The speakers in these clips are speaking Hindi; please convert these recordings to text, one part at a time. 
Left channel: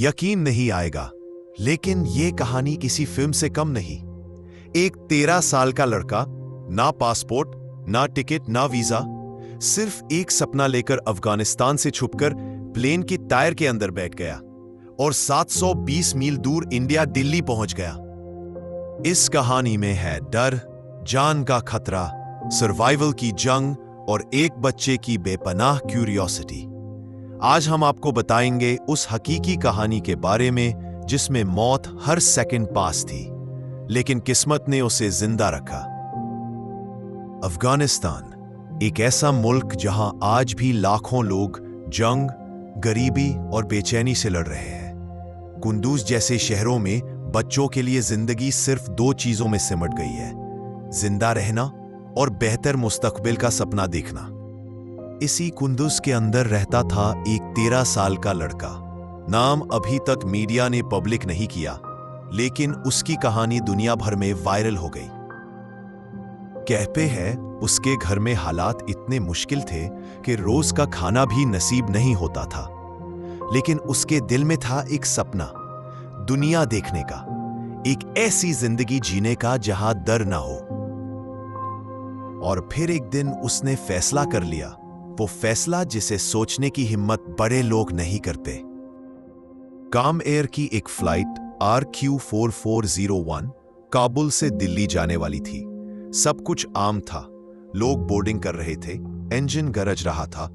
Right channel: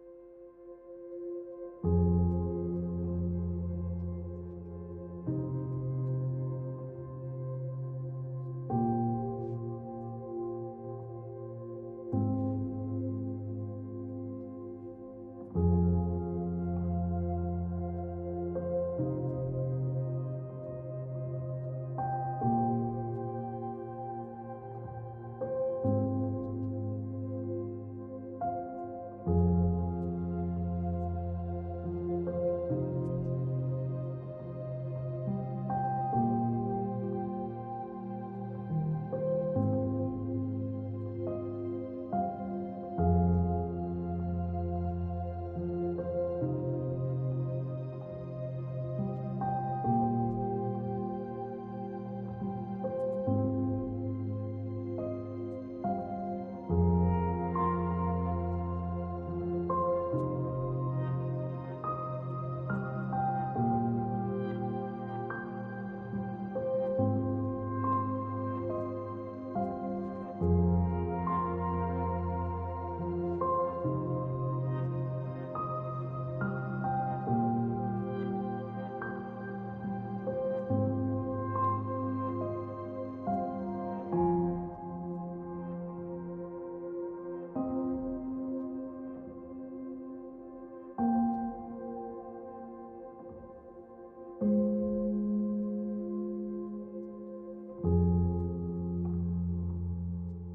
यकीन नहीं आएगा, लेकिन ये कहानी किसी फिल्म से कम नहीं। एक 13 साल का लड़का, ना पासपोर्ट, ना टिकट, ना वीजा, सिर्फ एक सपना लेकर अफगानिस्तान से छुपकर प्लेन की टायर के अंदर बैठ गया और 720 मील दूर इंडिया दिल्ली पहुंच गया। इस कहानी में है डर, जान का खतरा, सर्वाइवल की जंग और एक बच्चे की बेपनाह क्यूरियोसिटी। आज हम आपको बताएंगे उस हकीकी कहानी के बारे में जिसमें मौत हर सेकंड पास थी, लेकिन किस्मत ने उसे जिंदा रखा। अफगानिस्तान एक ऐसा मुल्क जहां आज भी लाखों लोग जंग, गरीबी और बेचैनी से लड़ रहे हैं। कुंदूज जैसे शहरों में बच्चों के लिए जिंदगी सिर्फ 2 चीजों में सिमट गई है, जिंदा रहना और बेहतर मुस्तकबिल का सपना देखना। इसी कुंदूज के अंदर रहता था एक 13 साल का लड़का। नाम अभी तक मीडिया ने पब्लिक नहीं किया, लेकिन उसकी कहानी दुनिया भर में वायरल हो गई। कहते हैं उसके घर में हालात इतने मुश्किल थे कि रोज का खाना भी नसीब नहीं होता था, लेकिन उसके दिल में था एक सपना, दुनिया देखने का, एक ऐसी जिंदगी जीने का जहां डर ना हो। और फिर एक दिन उसने फैसला कर लिया, वो फैसला जिसे सोचने की हिम्मत बड़े लोग नहीं करते। काम एयर की एक फ्लाइट RQ4401 काबुल से दिल्ली जाने वाली थी। सब कुछ आम था, लोग बोर्डिंग कर रहे थे, इंजन गरज रहा था,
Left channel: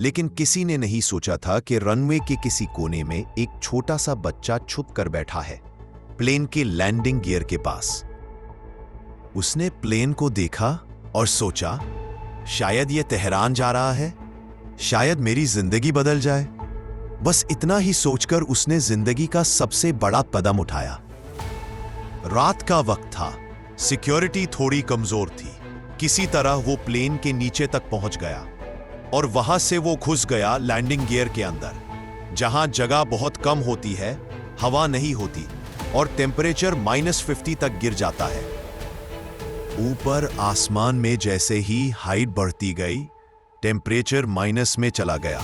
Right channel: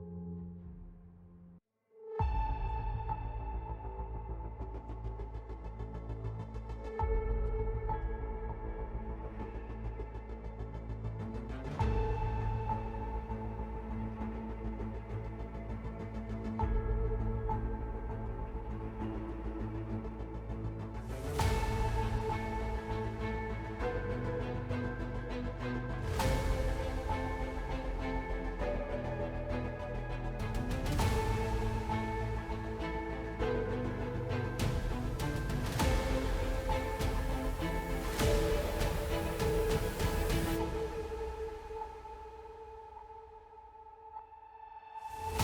लेकिन किसी ने नहीं सोचा था कि रनवे के किसी कोने में एक छोटा सा बच्चा छुप कर बैठा है, प्लेन के लैंडिंग गियर के पास। उसने प्लेन को देखा और सोचा, शायद यह तेहरान जा रहा है, शायद मेरी जिंदगी बदल जाए। बस इतना ही सोचकर उसने जिंदगी का सबसे बड़ा कदम उठाया। रात का वक्त था, सिक्योरिटी थोड़ी कमजोर थी। किसी तरह वो प्लेन के नीचे तक पहुंच गया और वहां से वो घुस गया लैंडिंग गियर के अंदर, जहां जगह बहुत कम होती है, हवा नहीं होती और टेम्परेचर -50 तक गिर जाता है। ऊपर आसमान में जैसे ही हाइट बढ़ती गई, टेम्परेचर माइनस में चला गया।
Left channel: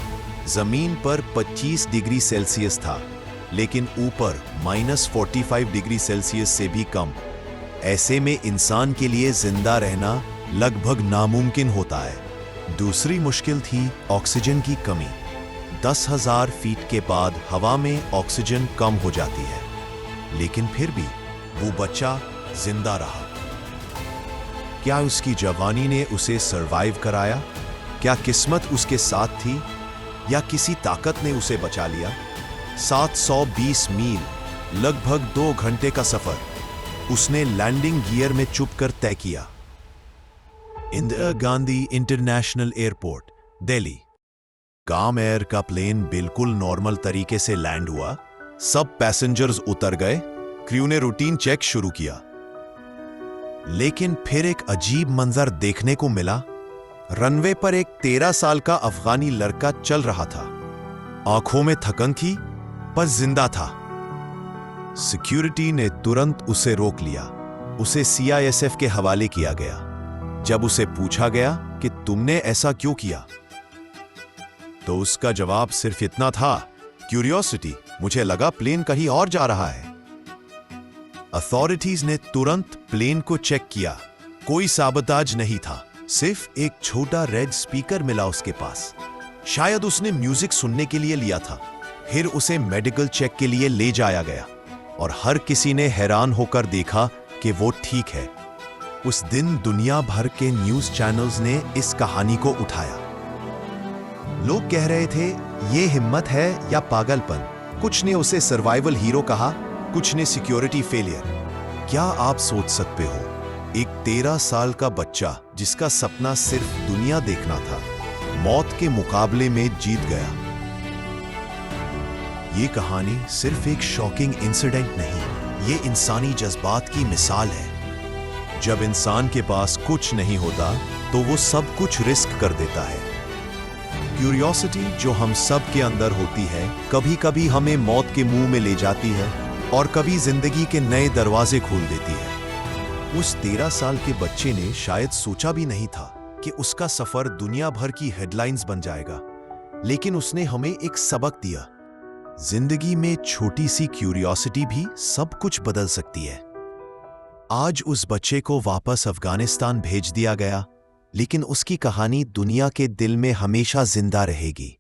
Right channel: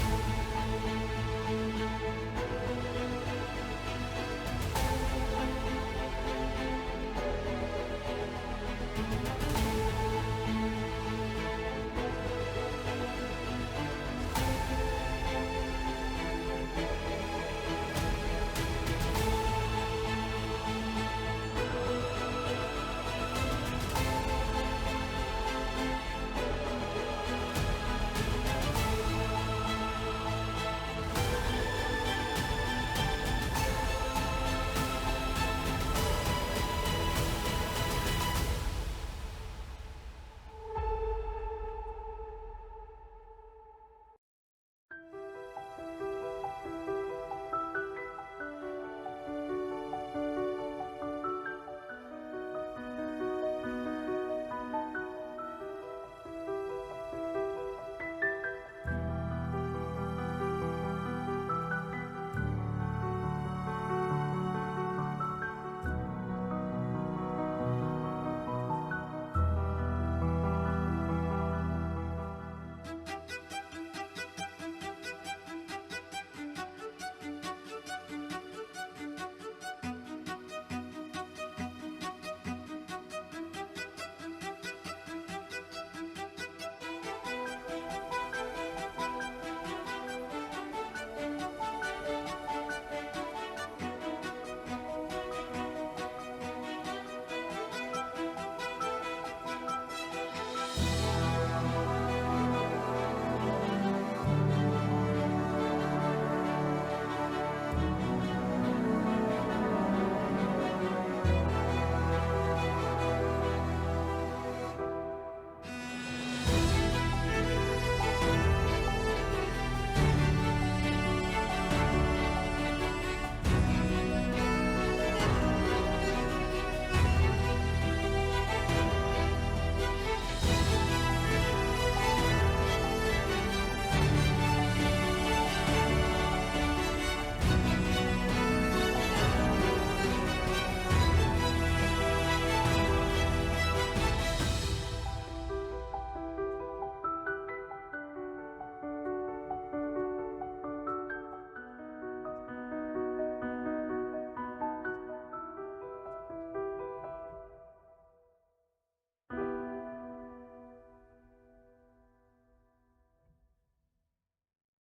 जमीन पर 25 डिग्री सेल्सियस था, लेकिन ऊपर -45 डिग्री सेल्सियस से भी कम। ऐसे में इंसान के लिए जिंदा रहना लगभग नामुमकिन होता है। दूसरी मुश्किल थी ऑक्सीजन की कमी। 10,000 फीट के बाद हवा में ऑक्सीजन कम हो जाती है, लेकिन फिर भी वो बच्चा जिंदा रहा। क्या उसकी जवानी ने उसे सरवाइव कराया? क्या किस्मत उसके साथ थी या किसी ताकत ने उसे बचा लिया? 720 मील, लगभग 2 घंटे का सफर उसने लैंडिंग गियर में चुपकर तय किया। Indira Gandhi international airport, Delhi. काम एयर का प्लेन बिल्कुल नॉर्मल तरीके से लैंड हुआ। सब पैसेंजर्स उतर गए, क्रू ने रूटीन चेक शुरू किया। लेकिन फिर एक अजीब मंजर देखने को मिला। रनवे पर एक 13 साल का अफगानी लड़का चल रहा था। आंखों में थकन थी, पर जिंदा था। सिक्योरिटी ने तुरंत उसे रोक लिया। उसे CISF के हवाले किया गया। जब उसे पूछा गया कि तुमने ऐसा क्यों किया, तो उसका जवाब सिर्फ इतना था, क्यूरियोसिटी, मुझे लगा प्लेन कहीं और जा रहा है। अथॉरिटीज ने तुरंत प्लेन को चेक किया। कोई साबोटाज नहीं था, सिर्फ एक छोटा रेड स्पीकर मिला उसके पास। शायद उसने म्यूजिक सुनने के लिए लिया था। फिर उसे मेडिकल चेक के लिए ले जाया गया और हर किसी ने हैरान होकर देखा कि वो ठीक है। उस दिन दुनिया भर के न्यूज चैनल्स ने इस कहानी को उठाया। लोग कह रहे थे ये हिम्मत है या पागलपन। कुछ ने उसे सर्वाइवल हीरो कहा, कुछ ने सिक्योरिटी फेलियर। क्या आप सोच सकते हो, एक 13 साल का बच्चा जिसका सपना सिर्फ दुनिया देखना था, मौत के मुकाबले में जीत गया। ये कहानी सिर्फ एक शॉकिंग इंसिडेंट नहीं, ये इंसानी जज्बात की मिसाल है। जब इंसान के पास कुछ नहीं होता तो वो सब कुछ रिस्क कर देता है। क्यूरियोसिटी जो हम सब के अंदर होती है, कभी कभी हमें मौत के मुंह में ले जाती है और कभी जिंदगी के नए दरवाजे खोल देती है। उस 13 साल के बच्चे ने शायद सोचा भी नहीं था कि उसका सफर दुनिया भर की हेडलाइंस बन जाएगा, लेकिन उसने हमें एक सबक दिया। जिंदगी में छोटी सी क्यूरियोसिटी भी सब कुछ बदल सकती है। आज उस बच्चे को वापस अफगानिस्तान भेज दिया गया, लेकिन उसकी कहानी दुनिया के दिल में हमेशा जिंदा रहेगी।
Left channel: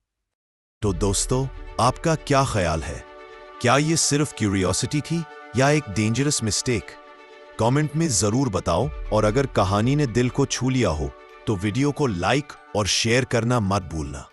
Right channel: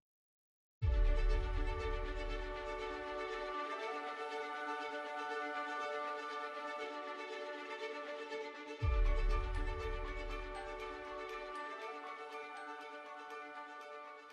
तो दोस्तों, आपका क्या ख्याल है? क्या ये सिर्फ क्यूरियोसिटी थी या एक डेंजरस मिस्टेक? कमेंट में जरूर बताओ, और अगर कहानी ने दिल को छू लिया हो तो वीडियो को लाइक और शेयर करना मत भूलना।